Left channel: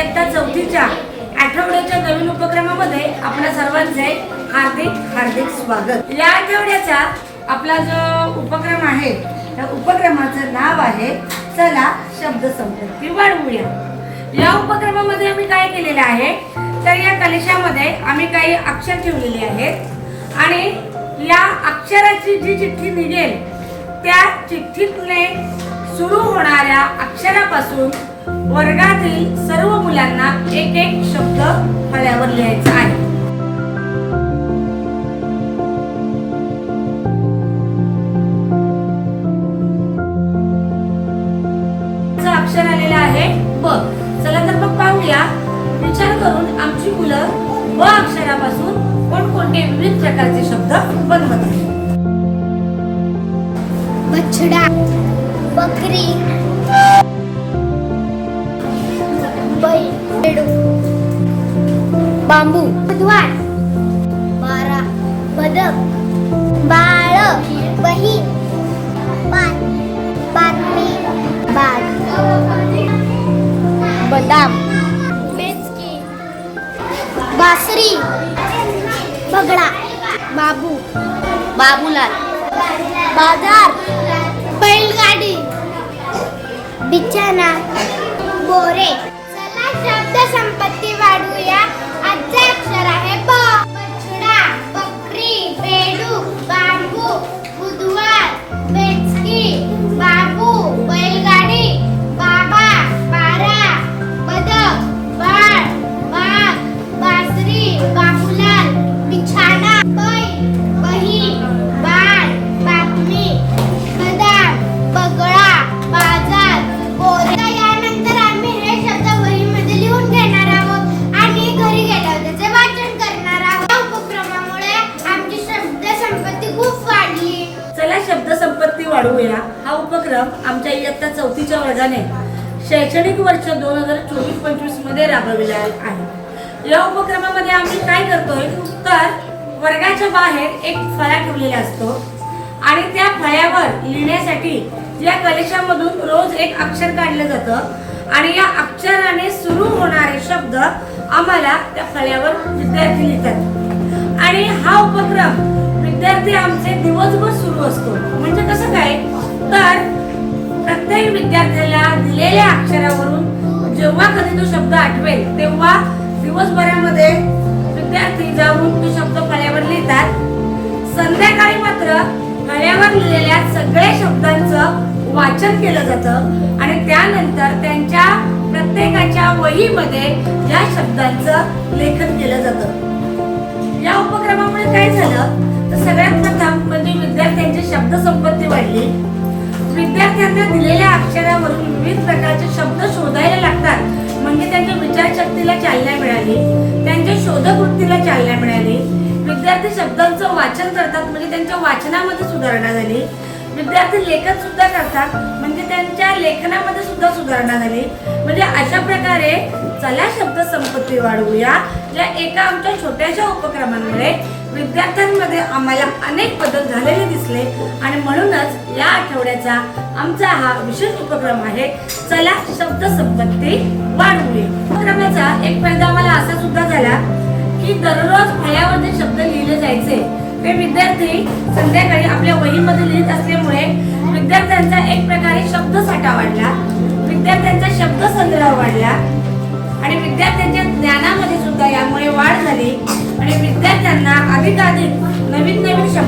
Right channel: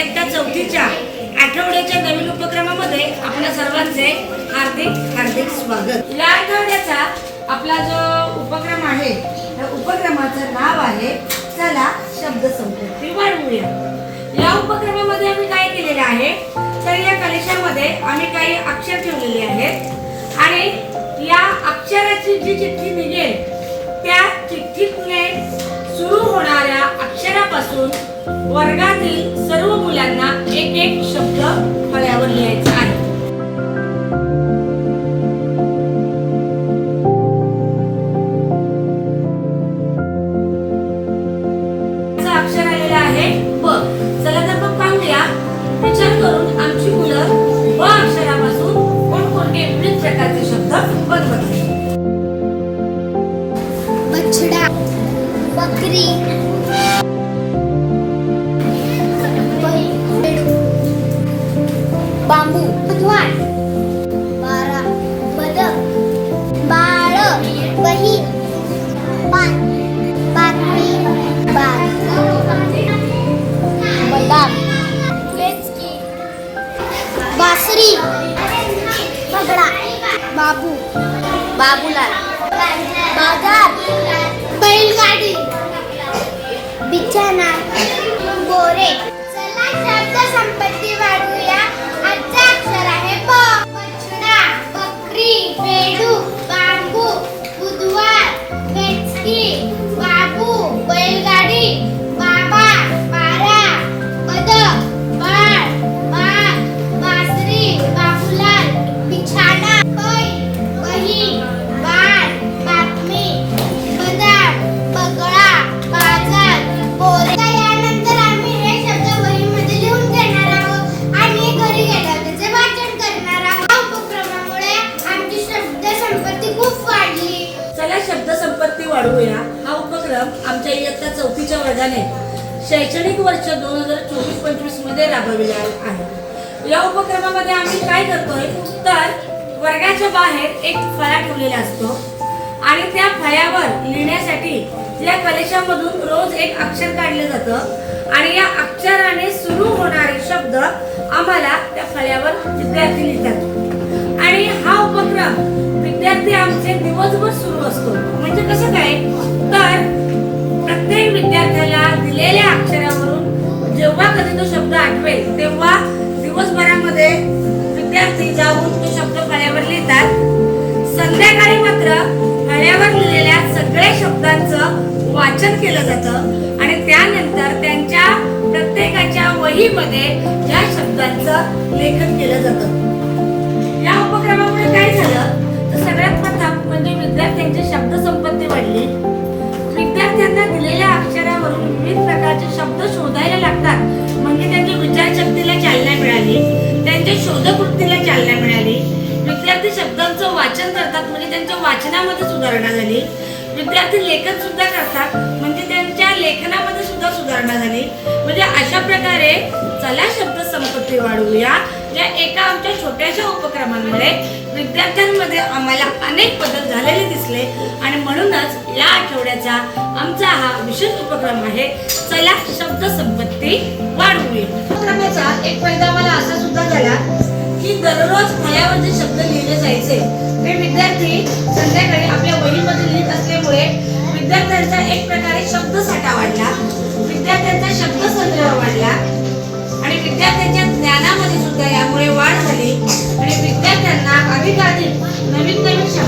एकटा चौथीच्या आठवड्याच्या नवीन उपक्रमामध्ये आपल्या सर्वांचे हार्दिक हार्दिक स्वागत. या आठवड्याचा आपला जो उपक्रम आहे त्या उपक्रमाचं नाव आहे चला शब्द संपत्ती वाढवूया. या उपक्रमामध्ये आम्ही काय केलेलं आहे तर या कलेशामध्ये आम्ही काही अक्षर ठेवलेले आहेत आणि या अक्षराची जी चिठ्ठी निघेल त्या चिठ्ठीतने सुरू होणाऱ्या अक्षरापासून वर्गातील सर्व मुलांना एक एक शब्द फळ्यावर लिहायचा आहे. अक्षर आलेलं आहे ब. चला तर मग पाहूया. विचार करून आमची मुलं ब अक्षरापासून कोणकोणते विविध प्रकारचे शब्द बनवत बछडा बकरी. बांबू बुधवार बारा बदक. बाळ बहीण. पान बातमी बाग बदाम. बासरी. बगडा. बाबू. बाबूलाल. बाजार. बैलगाडी. बिछाना. बोरे चला शब्द संपत्ती वाढवूया. वाढवूया. हा उपक्रम आमच्या इयत्ता चौथीच्या वर्गाने शैक्षणिक वर्ष दोन हजार चोवीस पंचवीसमध्ये राबविला आहे. या उपक्रमामध्ये आम्ही काय करतोय? तर वर्गाच्या बाहेर एक फळा ठेवलेला असतो. आणि त्या फळ्यावर लिहिण्यासाठी या कलेशामधून रोज एक अक्षर काढलं जातं. आणि या अक्षराने सुरू होणारे शब्द आम्हाला त्या फळ्यावर विद्यार्थी लिहितात. आणि हा उपक्रम विद्यार्थी आमचे दिवसभर सुरू असतो. म्हणजे कसं काय? तर प्रत्येक विद्यार्थ्याला दिलेल्या अक्षरावरून जेव्हा कधी तो शब्द आठवेल तेव्हा दिवसभरामध्ये विद्यार्थी जाऊन तो शब्द फळ्यावर लिहितात. संध्याकाळी मात्र फळ्यावर लिहिलेल्या सगळ्या शब्दांचं वाचन केलं जातं आणि त्यानंतर त्यांच्या प्रत्येकाच्या वहीमध्ये या शब्दांचं लेखन केलं जातं. या उपक्रमामुळे काय झालं? प्रकारचे शब्द शोधायला लागतात. म्हणजे त्यांच्या विचारशक्तीला चालना मिळाली. त्यांच्या शोधकृतीला चालना मिळाली. विद्यार्थी शब्दांचं वाचन करतात म्हणजे त्यांच्या वाचनामध्ये सुधारणा झाली. विद्यार्थी लेखन सुद्धा करतात म्हणजे त्यांच्या लेखनामध्ये सुद्धा सुधारणा झाली. म्हणजे अशा प्रकारे चला शब्द संपत्ती वाढवूया. या एका आमच्या छोट्याशा उपक्रमांमुळे विद्यार्थ्यांमध्ये आम्हाला अनेक बदल झालेले दिसले आणि म्हणूनच या आठवड्याचा आमचा हा विशेष उपक्रम आहे. चला शब्द संपत्ती वाढवूया. उपक्रमाचा एक फायदा आम्हाला असा सुद्धा झाला की दररोज फळ्यावर जे शब्द लिहिले जायचे ते विद्यार्थी संध्याकाळी आपल्या वहीमध्ये लिहित असल्यामुळे विद्यार्थ्यांचा एक प्रकारे शब्दसाठा वाढला.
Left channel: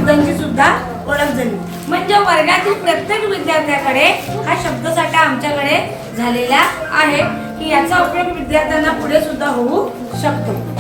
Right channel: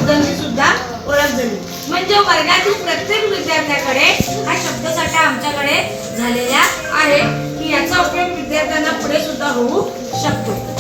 शब्दांची सुद्धा ओळख झाली. म्हणजे वर्गातील प्रत्येक विद्यार्थ्याकडे हा शब्दसाठा आमच्याकडे झालेला आहे. की याचा उपयोग विद्यार्थ्यांना पुढे सुद्धा होऊ शकतो.